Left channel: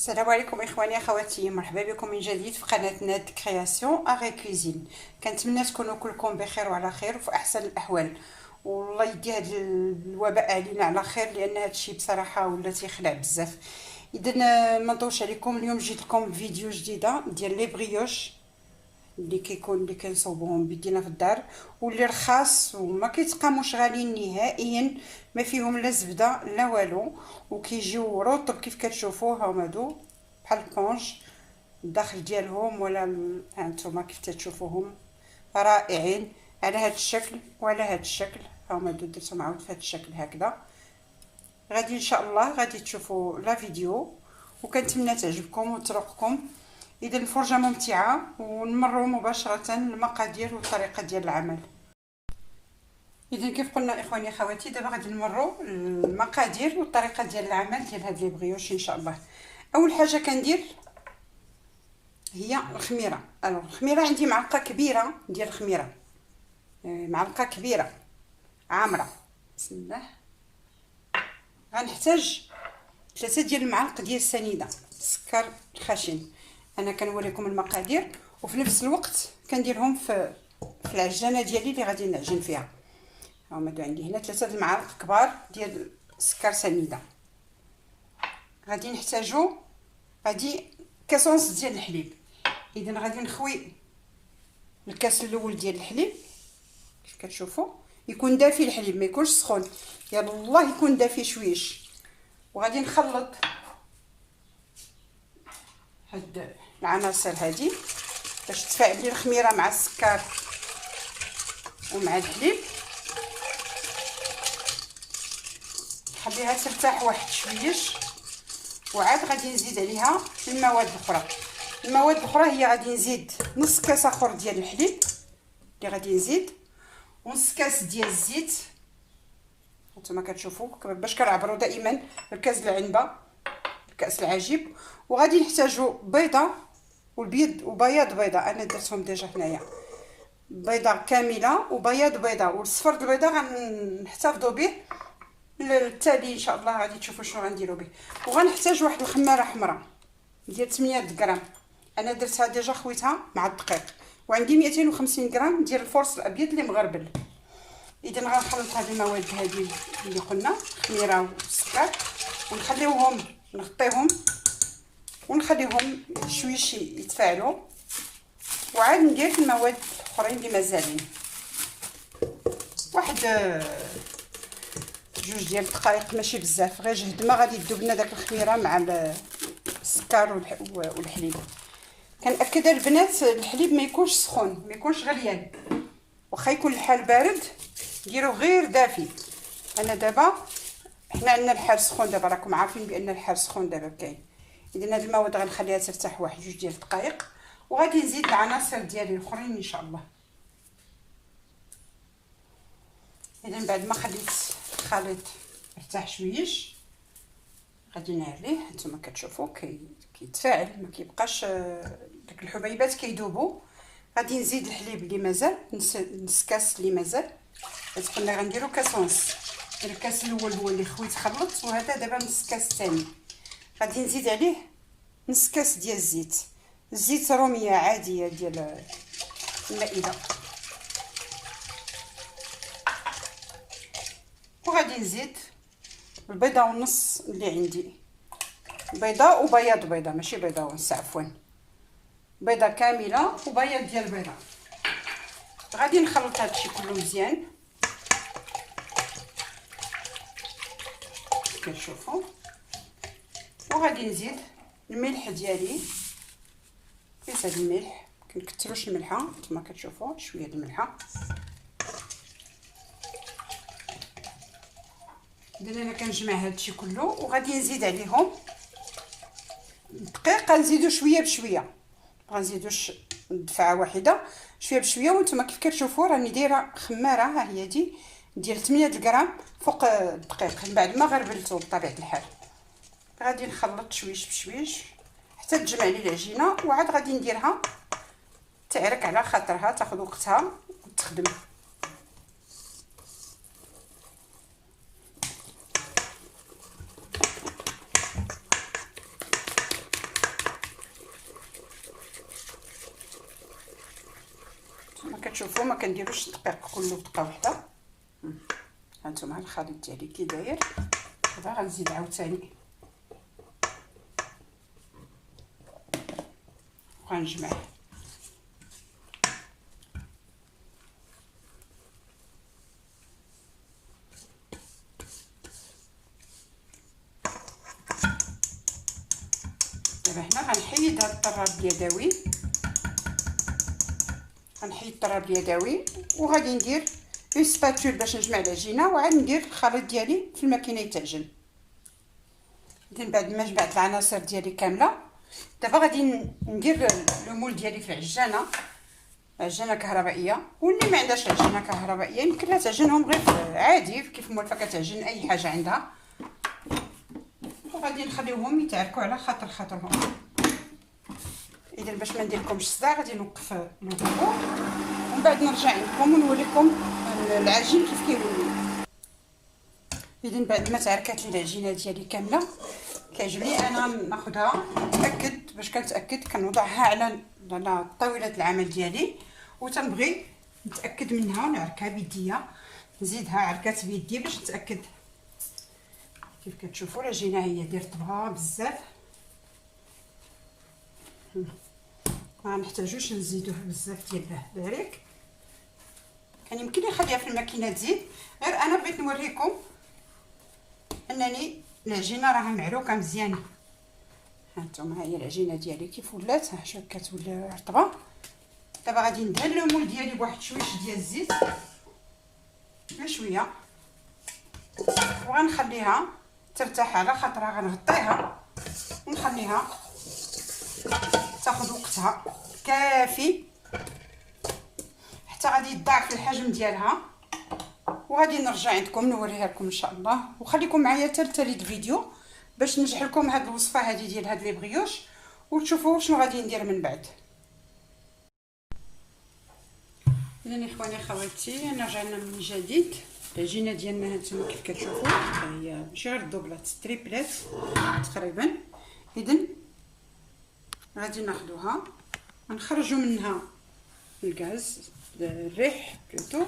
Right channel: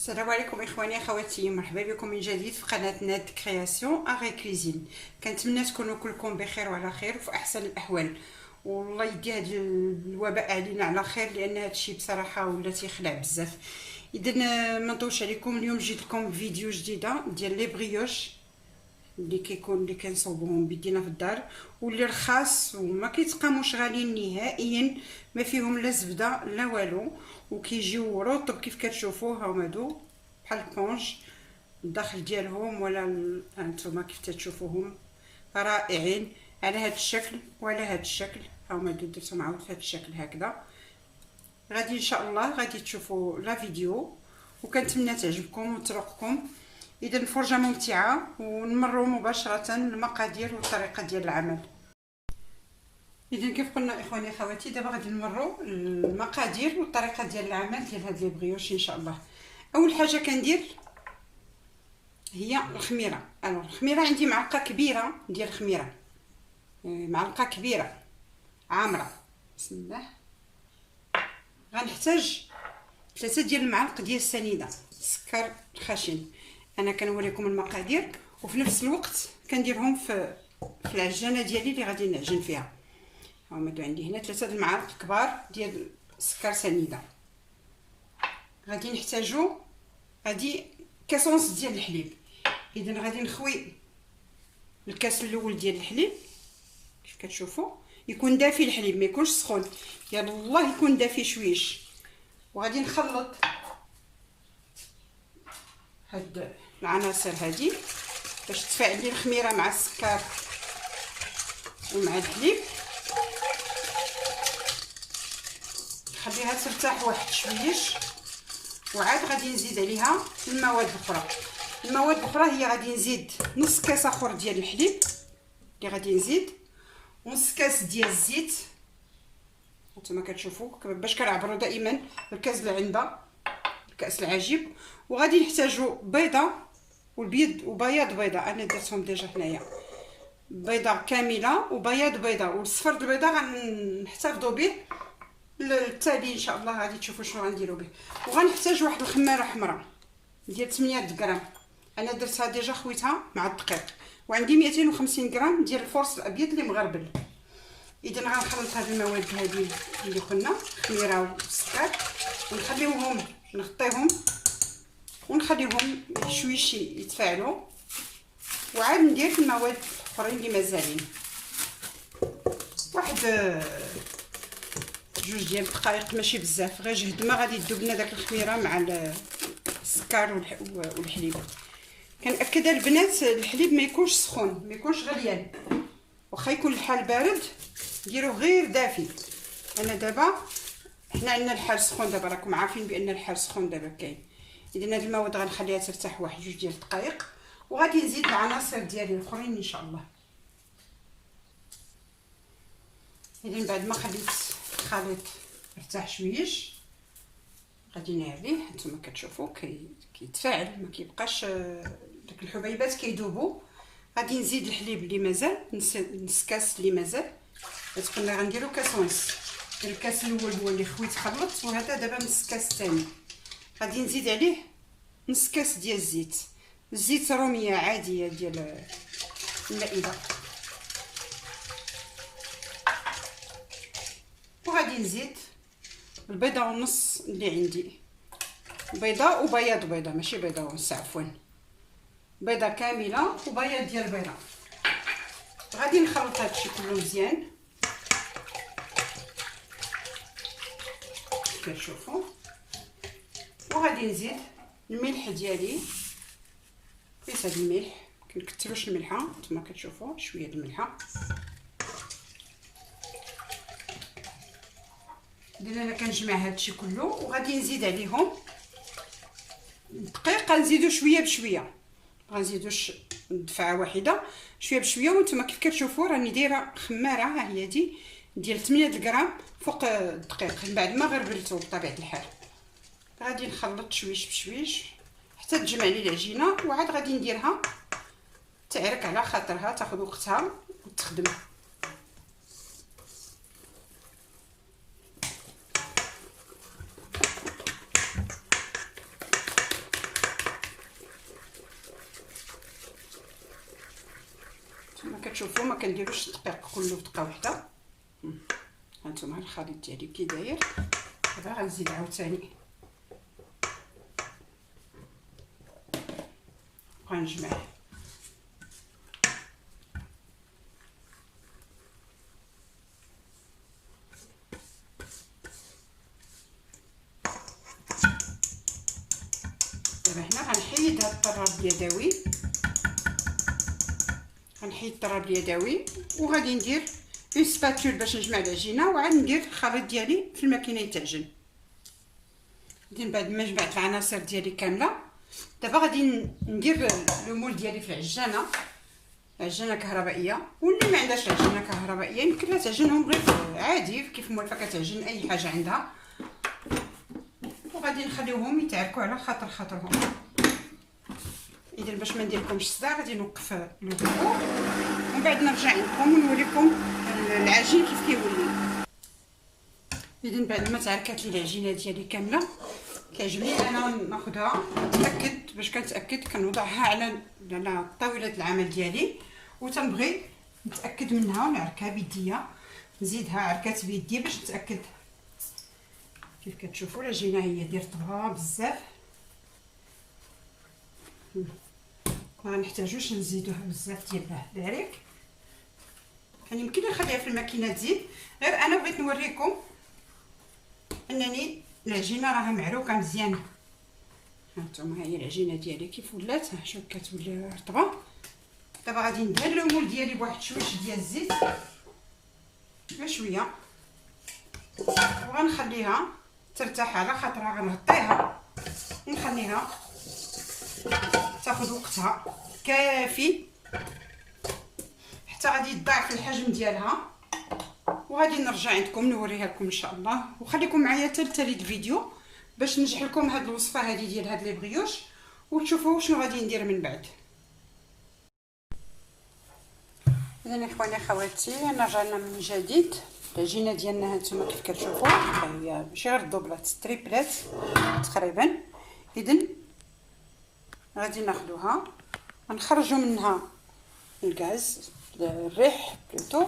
السلام عليكم اخواني اخواتي، مرحبا بكم من جديد في قناه ناد كرياسيون اغي كوزين. كنتمنى تكونوا كلكم بخير وعلى خير وفي احسن الاحوال، والله يدي هذا الوباء علينا على خير، لان هذا الشيء بصراحه ولا تيخلع بزاف. اذا ما نطولش عليكم، اليوم جيت لكم فيديو جديده ديال لي بريوش اللي كنصوبوهم بيدينا في الدار، واللي رخاص وما كيتقاموش غاليين نهائيا، ما فيهم لا زبده لا والو، وكيجيو رطب كيف كتشوفوا. هاهما هادو بحال البونج الداخل ديالهم، ولا هانتوما كيف تشوفوهم رائعين على هذا الشكل وعلى هذا الشكل. هاهما هادو درتهم عاود في هذا الشكل هكذا. غادي ان شاء الله غادي تشوفوا لا فيديو، وكنتمنى تعجبكم وتروقكم. اذا الفرجه ممتعه، ونمروا مباشره للمقادير والطريقه ديال العمل. اذا كيف قلنا اخواني اخواتي، دابا غادي نمروا المقادير والطريقه ديال العمل ديال هاد لي بريوش ان شاء الله. اول حاجه كندير هي الخميره. الخميره عندي معلقه كبيره ديال الخميره، معلقه كبيره عامره. بسم الله. غنحتاج 3 ديال المعالق ديال السنيده السكر الخشن. انا كنوريكم المقادير وفي نفس الوقت كنديرهم في العجانه ديالي اللي غادي نعجن فيها. هما عندي هنا 3 المعالق كبار ديال السكر سنيده. غادي نحتاجو كاسونس ديال الحليب. اذا غادي نخوي الكاس الاول ديال الحليب كيف كتشوفوا، يكون دافي الحليب ما يكونش سخون، يلا الله يكون دافي شويش. وغادي نخلط هاد العناصر هادي باش تفاعل لي الخميره مع السكر ومع الحليب. نخليها ترتاح واحد شويش، وعاد غادي نزيد عليها المواد الاخرى. المواد الاخرى هي غادي نزيد نص كاس اخر ديال الحليب اللي غادي نزيد، ونص كاس ديال الزيت. نتوما كتشوفوا باش كنعبروا دائما الكاس العنبه الكاس العجيب. وغادي نحتاجوا بيضه والبيض وبياض بيضه، انا درتهم ديجا هنايا، بيضه كامله وبياض بيضه، والصفر د البيضه غنحتفظوا به للتالي ان شاء الله. غادي تشوفوا شنو غنديروا به. وغنحتاج واحد الخماره حمراء ديال 8 غرام، انا درتها ديجا خويتها مع الدقيق. وعندي 250 غرام ديال الفرص الابيض اللي مغربل. اذا غنخلط هاد المواد هادي اللي قلنا الخميره والسكر، ونخليوهم نغطيهم ونخليهم شويش يتفاعلوا، وعاد ندير المواد الاخرين اللي مازالين. واحد 2 ديال الدقائق ماشي بزاف، غير جهد ما غادي تذوب لنا داك الخميره مع السكر والحليب. كنأكد البنات الحليب ما يكونش سخون، ما يكونش غليان، واخا يكون الحال بارد ديروه غير دافي. انا دابا حنا عندنا الحال سخون دابا، راكم عارفين بان الحال سخون دابا كاين. اذا هاد المواد غنخليها ترتاح واحد 2 ديال الدقائق، وغادي نزيد العناصر ديالي الاخرين ان شاء الله. اذا بعد ما خليت الخليط ارتاح شويش غادي نعليه. هانتوما كتشوفوا كيتفاعل، ما كيبقاش داك الحبيبات كيذوبوا. غادي نزيد الحليب اللي مازال نص كاس اللي مازال. قلنا غنديروا كاس ونص، الكاس الاول هو اللي خويت خلطت، وهذا دابا نص كاس ثاني. غادي نزيد عليه نص كاس ديال الزيت، الزيت روميه عاديه ديال المائده. وغادي نزيد البيضه ونص اللي عندي، بيضه وبياض بيضه ماشي بيضه ونص، عفوا بيضه كامله وبياض ديال البيضه. غادي نخلط هادشي كله مزيان كتشوفوا. وغادي نزيد الملح ديالي، قيس هاد الملح، كنكثروش الملحه نتوما كتشوفوا، شويه د الملحه. اذا انا كنجمع هادشي كله، وغادي نزيد عليهم الدقيق. غنزيدو شويه بشويه، غنزيدوش دفعه واحده، شويه بشويه. وانتم كيف كتشوفوا راني دايره خماره، ها هي دي ديال 8 غرام فوق الدقيق من بعد ما غربلته بطبيعه الحال. غادي نخلط شويش بشويش حتى تجمع لي العجينه، وعاد غادي نديرها تعرك على خاطرها، تاخذ وقتها وتخدم. كتشوفوا ما كنديروش الدقيق كله في دقه واحده. هانتوما الخليط ديالي كي داير. دابا غنزيد عاوتاني وغنجمع. دابا هنا غنحيد هاد الطراب اليدوي، غنحيد الطراب اليدوي وغادي ندير اون سباتول باش نجمع العجينه، وعاد ندير الخليط ديالي في الماكينه يتعجن. اذا بعد ما جمعت العناصر ديالي كامله، دابا غادي ندير لو مول ديالي في العجانه، عجانه كهربائيه. واللي ما عندهاش عجانه كهربائيه يمكن لها تعجنهم غير عادي كيف موالفه كتعجن اي حاجه عندها. وغادي نخليوهم يتعركوا على خاطرهم. اذا باش ما نديرلكمش الصداع غادي نوقف لو فيديو ومن بعد نرجع لكم ونوريكم العجين كيف كيولي. اذا بعد ما تعركات لي العجينه ديالي كامله، كيعجبني انا ناخذها نتاكد، باش كنتاكد كنوضعها على طاوله العمل ديالي، وتنبغي نتاكد منها ونعركها بيديا، نزيدها عركات بيدي باش نتاكد. كيف كتشوفوا العجينه هي داير طبقه بزاف، ما نحتاجوش نزيدوه بزاف ديال الباريك. كان يمكن نخليها في الماكينه تزيد، غير انا بغيت نوريكم انني العجينه راها معروكه مزيان. هانتوما هي العجينه ديالي كيف ولات، شوف كتولي رطبه. دابا غادي ندهن لو مول ديالي بواحد شويش ديال الزيت، شويه، وغنخليها ترتاح على خاطرها. غنغطيها ونخليها تاخذ وقتها كافي حتى غادي تضاعف الحجم ديالها، وغادي نرجع عندكم نوريها لكم ان شاء الله. وخليكم معايا حتى لتالي الفيديو باش نشرح لكم هاد الوصفه هذه ديال هاد لي بريوش وتشوفوا شنو غادي ندير من بعد. اذا اخواني اخواتي انا رجعنا من جديد. العجينه ديالنا هانتوما كيف كتشوفوا هي ماشي غير دوبلات، تريبلات تقريبا. اذا غادي ناخذوها ونخرجوا منها الغاز، الريح بلوتو.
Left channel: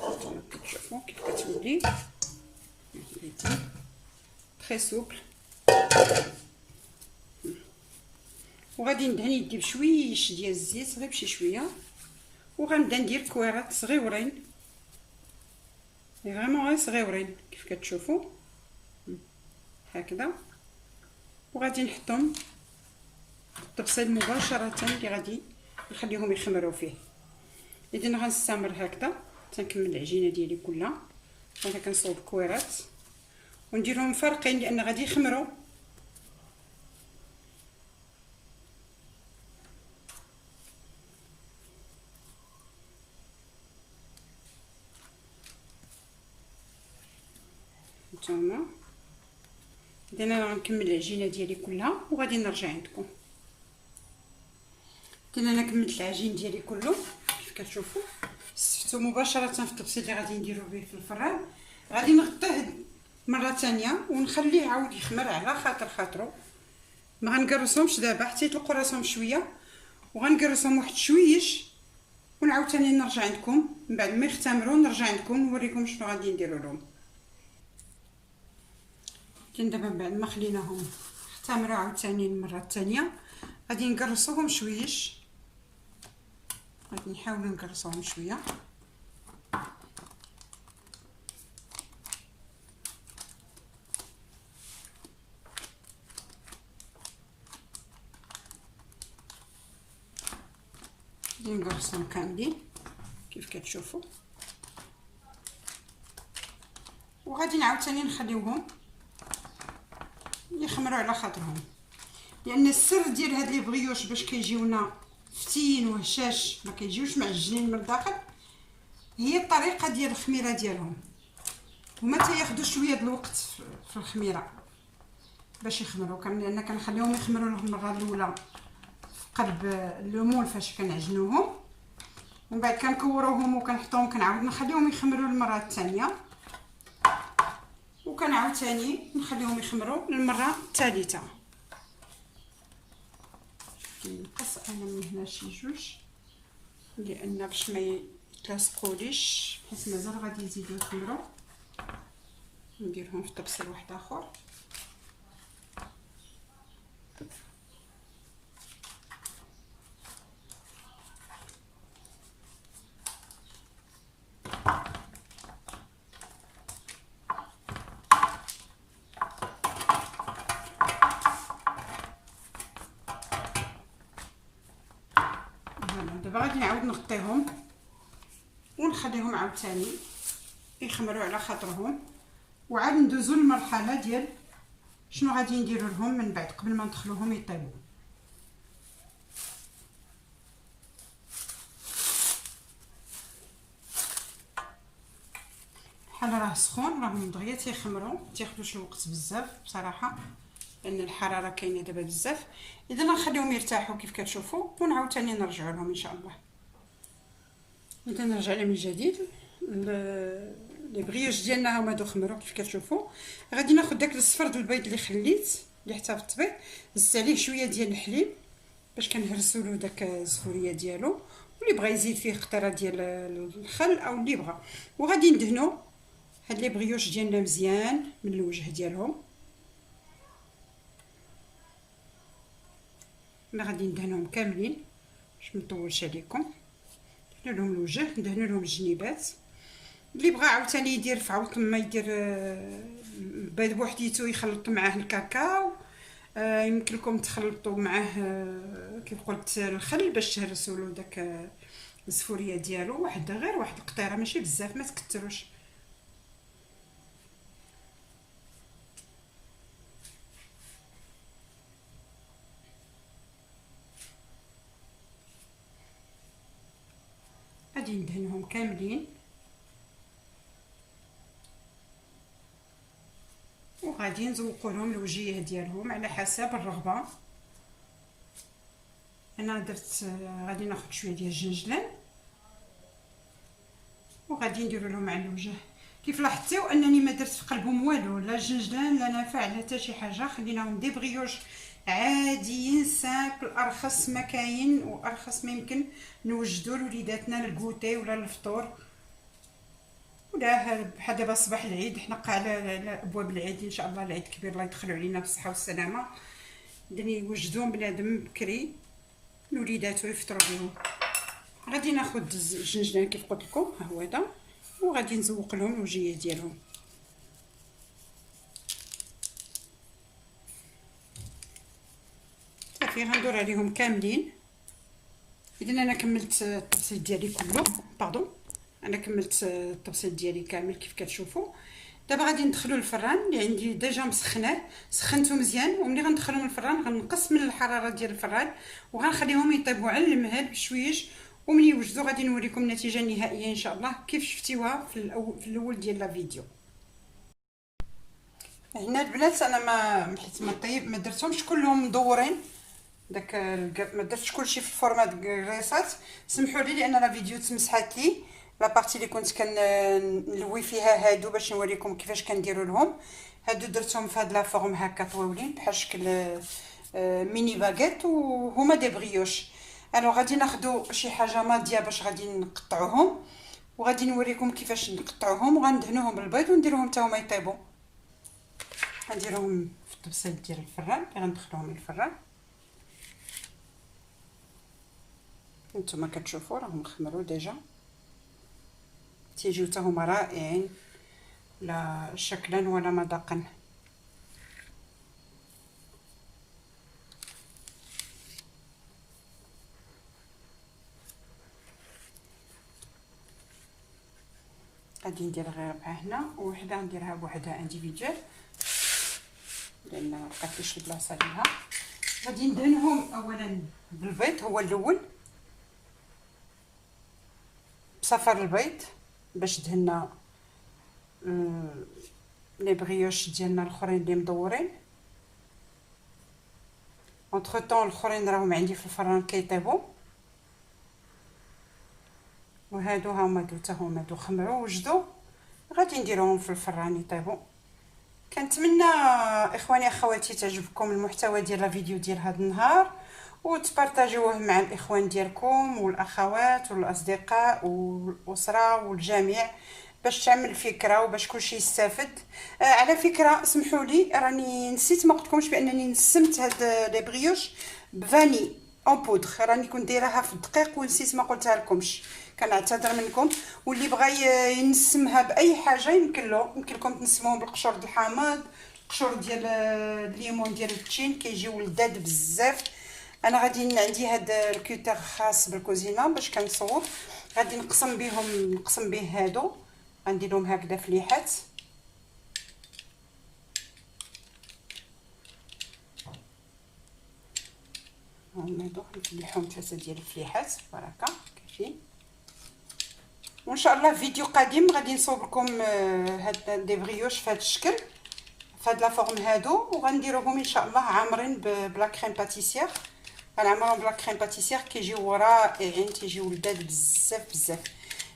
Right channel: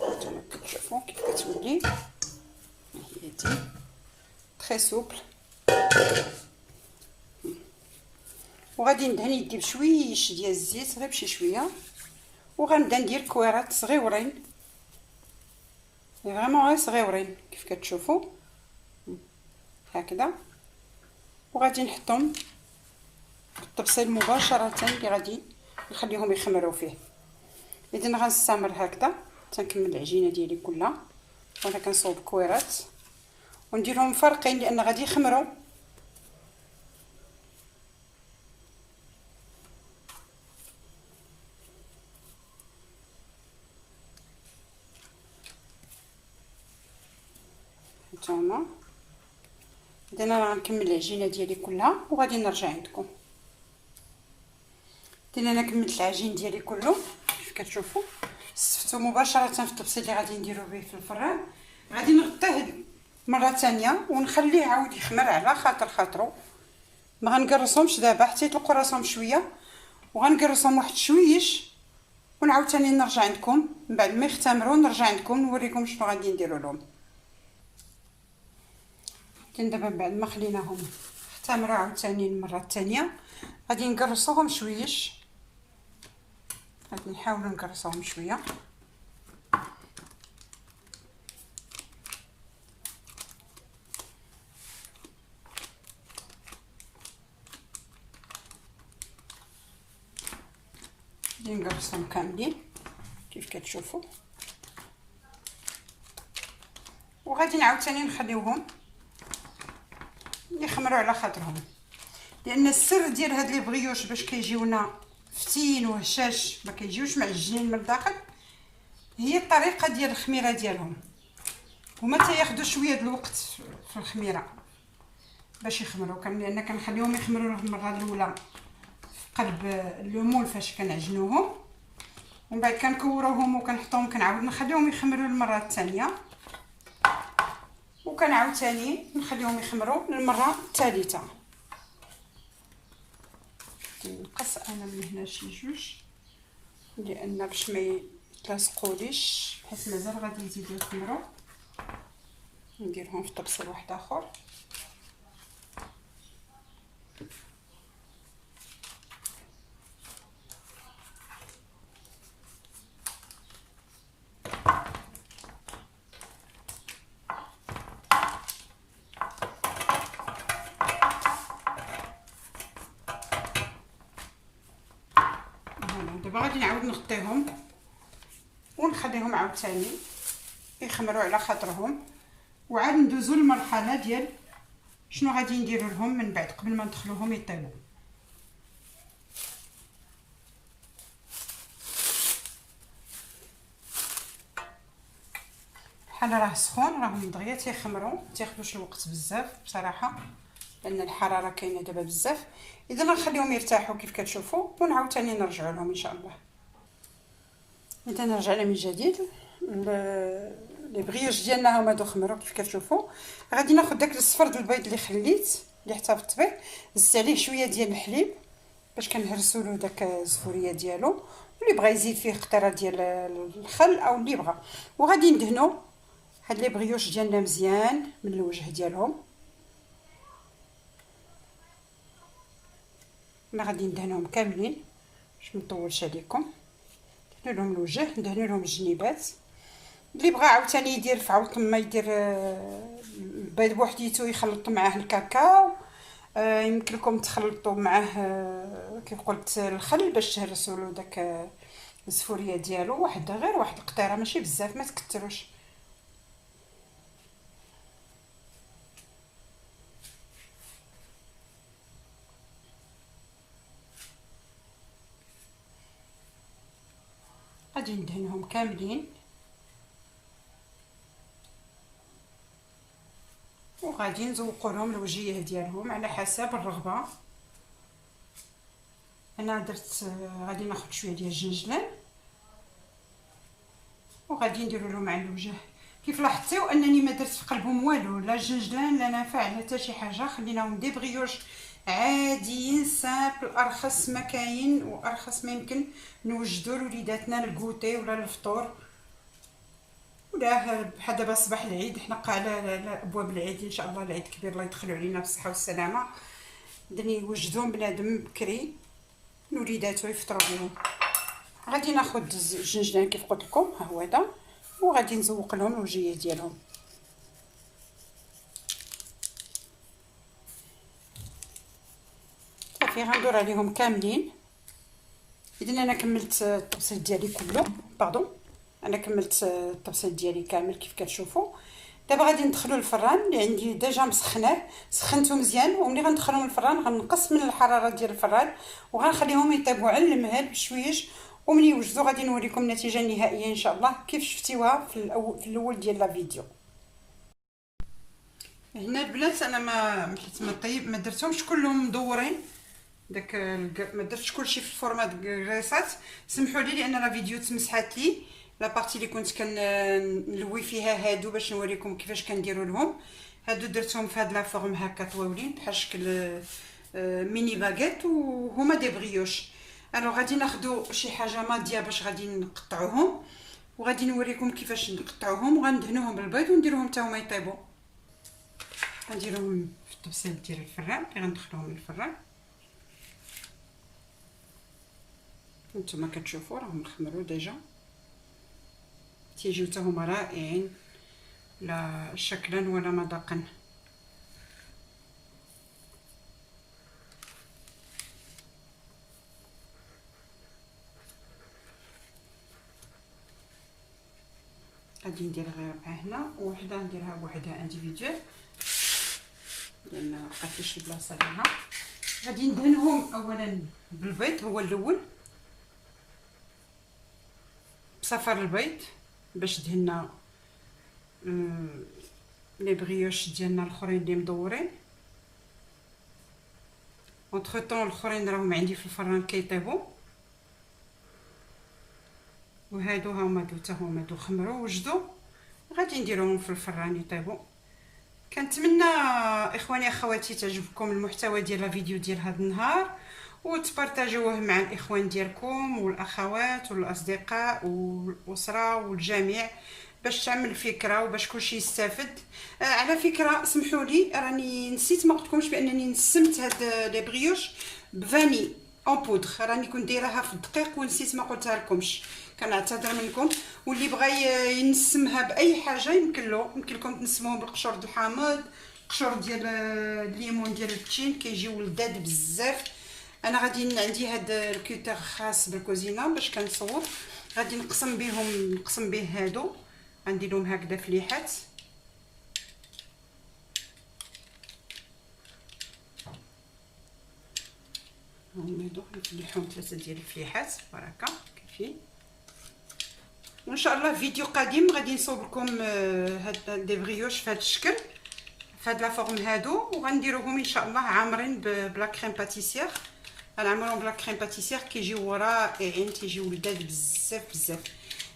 هانتوما كتشوفوا كيف كتولي، هي دي تري سوبل. وغادي ندهن يدي بشويش ديال الزيت، غير بشي شويه، وغنبدا ندير كويرات صغيورين، فريمون غير صغيورين كيف كتشوفوا هكذا. وغادي نحطهم في الطبسيل مباشره اللي غادي نخليهم يخمروا فيه. اذا غنستمر هكذا تنكمل العجينه ديالي كلها، وانا كنصوب كويرات ونديرهم فرقين لان غادي يخمروا. هانتوما اذا انا غنكمل العجينه ديالي كلها وغادي نرجع عندكم. انا كملت العجين ديالي كله كيف كتشوفوا، صفتو مباشره في الطبسيل اللي غادي نديرو به في الفران. غادي نغطيه مره ثانيه ونخليه عاود يخمر على خاطرو. ما غنقرصهمش دابا حتى يطلقوا راسهم شويه، وغنقرصهم واحد شويش ونعاود ثاني نرجع عندكم من بعد ما يختمروا. نرجع عندكم نوريكم شنو غادي نديروا لهم. دابا بعد ما خليناهم اختمروا عاود ثاني المره الثانيه غادي نقرصوهم شويش، غادي نحاولوا نقرصوهم شويه. غادي نقرصهم كاملين كيف كتشوفوا، وغادي نعاود ثاني نخليوهم يخمروا على خاطرهم. لان السر ديال هاد لي بريوش باش كيجيونا فتين وهشاش ما كيجيوش معجنين من الداخل هي الطريقه ديال الخميره ديالهم. هما تياخذوا شويه د الوقت في الخميره باش يخمروا، لان كنخليهم يخمروا المره الاولى في قلب الليمون فاش كنعجنوهم، ومن بعد كنكوروهم وكنحطوهم كنعاود نخليهم يخمروا المره الثانيه، وكنعاود ثاني نخليهم يخمروا المره الثالثه. كنقص انا من هنا شي جوج لان باش ما يتلاصقوليش، بحيث مازال غادي يزيدو يخمروا. نديرهم في طبسيل واحد اخر. دابا غادي نعاود نغطيهم ونخليهم عاوتاني يخمروا على خاطرهم، وعاد ندوزو للمرحله ديال شنو غادي نديروا لهم من بعد قبل ما ندخلوهم يطيبوا. بحال راه سخون، راهم دغيا تيخمروا، تياخذوش الوقت بزاف بصراحه لان الحراره كاينه دابا بزاف. اذا غنخليهم يرتاحوا كيف كتشوفوا ونعاود ثاني نرجعوا لهم ان شاء الله. اذا رجعنا من جديد. لي بريوش ديالنا هما خمروا كيف كتشوفوا. غادي ناخذ داك الصفر ديال البيض اللي خليت اللي احتفظت به، زدت عليه شويه ديال الحليب باش كنهرسوا له داك الزفوريه ديالو، واللي بغى يزيد فيه قطره ديال الخل او اللي بغى. وغادي ندهنوا هاد لي بريوش ديالنا مزيان من الوجه ديالهم. انا غادي ندهنهم كاملين باش ما نطولش عليكم. ندهنوا لهم الوجه، ندهنوا لهم الجنيبات. اللي بغى عاوتاني يدير في عوض ما يدير البيض بوحديتو يخلط معاه الكاكاو، يمكن لكم تخلطوا معاه كيف قلت الخل باش تهرسوا له داك الزفوريه ديالو. غير واحد القطيره ماشي بزاف، ما تكثروش. غادي ندهنهم كاملين وغادي نزوقوا لهم الوجيه ديالهم على حسب الرغبه. انا درت غادي ناخذ شويه ديال الجنجلان وغادي نديروا لهم على الوجه. كيف لاحظتوا انني ما درت في قلبهم والو، لا الجنجلان لا نافع لا حتى شي حاجه. خليناهم دي بريوش عاديين سامبل، ارخص ما كاين وارخص ما يمكن نوجدوا لوليداتنا الكوتي ولا الفطور ولا بحال دابا صباح العيد. حنا على ابواب العيد ان شاء الله، العيد كبير الله يدخلوا علينا بالصحه والسلامه. دني يوجدوهم بنادم بكري لوليداتو يفطروا بهم. غادي ناخذ الجنجلان كيف قلت لكم، ها هو هذا، وغادي نزوق لهم الوجيه ديالهم. صافي غندور عليهم كاملين. اذا انا كملت الطبسيل ديالي كله، انا كملت الطبسيل ديالي كامل كيف كتشوفوا. دابا غادي ندخلو الفران اللي عندي ديجا مسخناه، سخنته مزيان. وملي غندخلهم الفران غنقص من الحراره ديال الفران وغنخليهم يطيبوا على المهل بشويش. وملي يوجدوا غادي نوريكم النتيجه النهائيه ان شاء الله كيف شفتيوها في الاول ديال لا فيديو. هنا البنات انا ما طيب ما درتهمش كلهم مدورين داك ما درتش كلشي في الفورمات كريسات. سمحوا لي لان لا فيديو تمسحات لي لا بارتي اللي كنت كنلوي فيها هادو باش نوريكم كيفاش كنديروا لهم. هادو درتهم في هاد لا فورم هكا طويولين بحال شكل ميني باغيت وهما دي بريوش. الو غادي ناخذوا شي حاجه ماضيه باش غادي نقطعوهم وغادي نوريكم كيفاش نقطعوهم وغندهنوهم بالبيض ونديروهم حتى هما يطيبوا. غنديرهم في الطبسيل ديال الفران اللي غندخلوهم للفران. نتوما كتشوفوا راهم خمروا ديجا، تيجيو حتى هما رائعين لا شكلا ولا مذاقا. غادي ندير غير 4 هنا ووحده نديرها بوحدها انديفيدوال لان ما بقاتليش البلاصه ليها. غادي ندهنهم اولا بالبيض، هو الاول بصفر البيض باش دهنا لي بريوش ديالنا الاخرين اللي مدورين. اونتر طون الاخرين راهم عندي في الفران كيطيبوا، وهادو هما حتى هما خمروا وجدوا. غادي نديروهم في الفران يطيبوا. كنتمنى اخواني اخواتي تعجبكم المحتوى ديال الفيديو ديال هذا النهار، وتبارطاجيوه مع الاخوان ديالكم والاخوات والاصدقاء والاسره والجميع باش تعمل فكره وباش كلشي يستافد. على فكره اسمحوا لي راني نسيت ما قلتلكمش بانني نسمت هاد لي بريوش بفاني اون بودر، راني كنت دايراها في الدقيق ونسيت ما قلتها لكمش، كنعتذر منكم. واللي بغى ينسمها باي حاجه يمكن لكم تنسموهم بالقشور د الحامض، القشور ديال الليمون ديال البتشين كيجيو لذاذ بزاف. انا غادي عندي هاد الكوتر خاص بالكوزينه باش كنصور، غادي نقسم به هادو، غندير لهم هكذا فليحات. هادو غنفليحهم 3 ديال الفليحات هكا كاينين. وان شاء الله فيديو قادم غادي نصوب لكم هاد دي بريوش في هاد الشكل، في هاد لا فورم هادو، وغنديروهم ان شاء الله عامرين بلا كريم باتيسير. غنعمرهم بلا كريم باتيسير كيجيو رائعين، تيجيو لذاذ بزاف بزاف.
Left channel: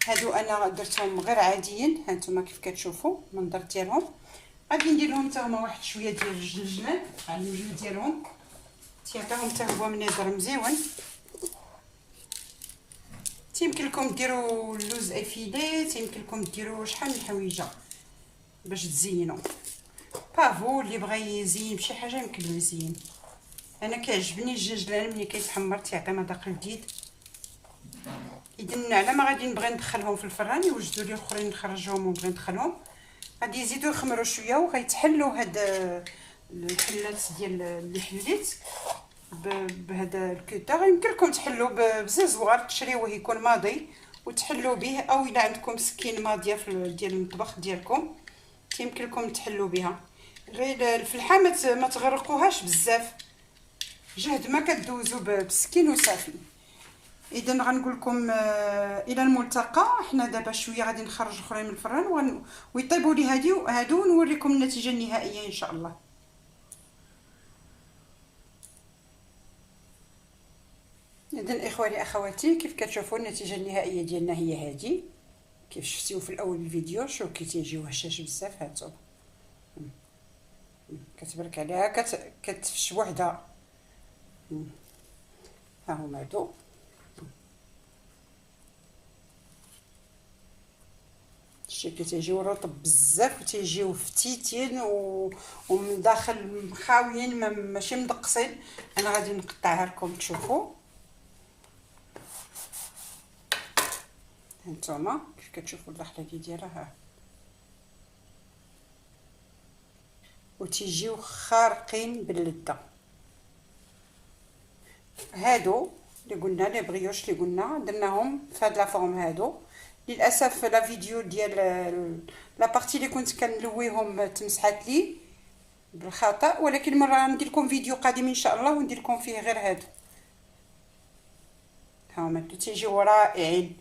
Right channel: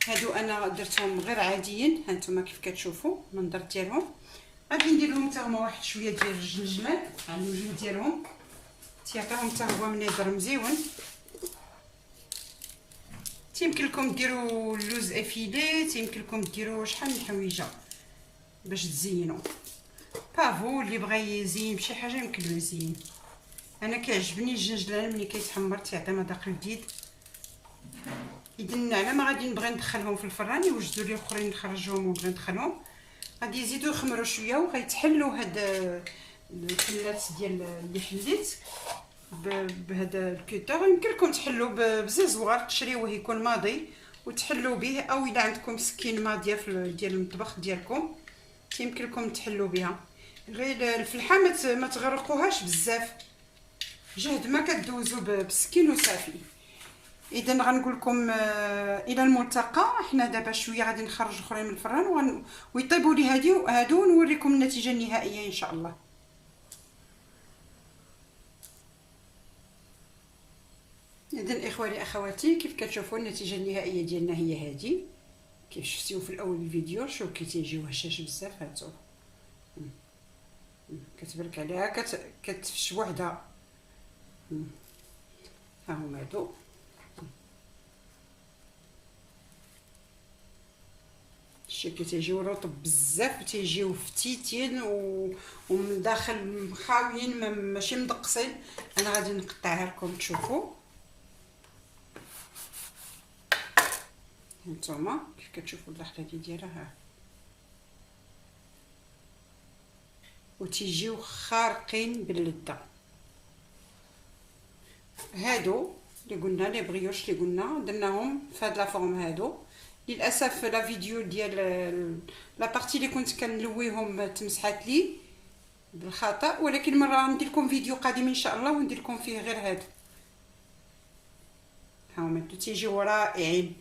هادو انا درتهم غير عاديين، ها نتوما كيف كتشوفوا المنظر ديالهم. غادي ندير لهم حتى هما واحد شويه ديال الجنجمان على الوجه ديالهم، تيعطيهم حتى هو منظر مزيون. تيمكن لكم ديروا اللوز افيلي، تيمكن لكم ديروا شحال من حويجه باش تزينوا. بافو اللي بغى يزين بشي حاجه يمكن له يزين. انا كيعجبني الجنجلان ملي كيتحمر تيعطي مذاق جديد. اذا على ما غادي نبغي ندخلهم في الفران يوجدوا لي اخرين نخرجهم ونبغي ندخلهم، غادي يزيدوا يخمروا شويه وغيتحلوا هاد الحلات ديال اللي حليت بهذا الكوتر. يمكن لكم تحلوا بززوار تشريوه يكون ماضي وتحلوا به، او الا عندكم سكين ماضيه ديال المطبخ ديالكم يمكن لكم تحلوا بها. غير الفلحه ما تغرقوهاش بزاف، جهد ما كدوزوا بالسكين وصافي. اذا غنقول لكم الى الملتقى. احنا دابا شويه غادي نخرج اخرين من الفران ويطيبوا لي هادو ونوريكم النتيجه النهائيه ان شاء الله. اذا اخواني اخواتي كيف كتشوفوا النتيجه النهائيه ديالنا هي هذه، كيف شفتيو في الاول الفيديو. شوف كي تيجيو هشاش بزاف، هاتو كتبرك عليها كتفش بوحدها. ها هما هادو شتي تيجيو رطب بزاف وتيجيو فتيتين ومن داخل مخاويين ماشي مدقسين. انا غادي نقطعها لكم تشوفوا. هانتوما كيف كتشوفوا الداخله ديالها ها، وتيجيو خارقين باللذه. هادو اللي قلنا لي بريوش اللي قلنا درناهم في هاد لا فورم هادو. للاسف لا فيديو ديال لا بارتي اللي كنت كنلويهم تمسحات لي بالخطا، ولكن مره ندير لكم فيديو قادم ان شاء الله وندير لكم فيه غير هادو. ها هما تيجيو رائعين.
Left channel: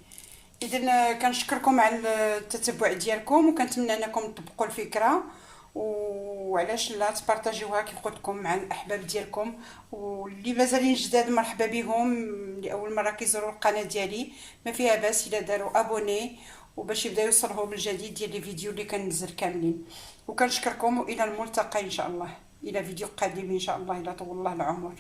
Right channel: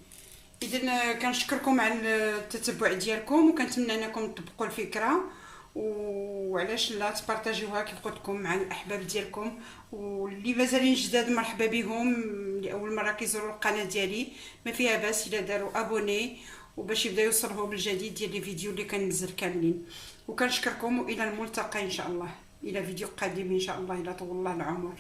اذا كنشكركم على التتبع ديالكم وكنتمنى انكم تطبقوا الفكره، وعلاش لا تبارطاجيوها كيف قلت لكم مع الاحباب ديالكم. واللي مازالين جداد مرحبا بهم، لاول مره كيزوروا القناه ديالي ما فيها باس الا داروا ابوني وباش يبدا يوصلهم الجديد ديال لي فيديو اللي كننزل كاملين. وكنشكركم والى الملتقى ان شاء الله، الى فيديو قادم ان شاء الله، الى طول الله العمر.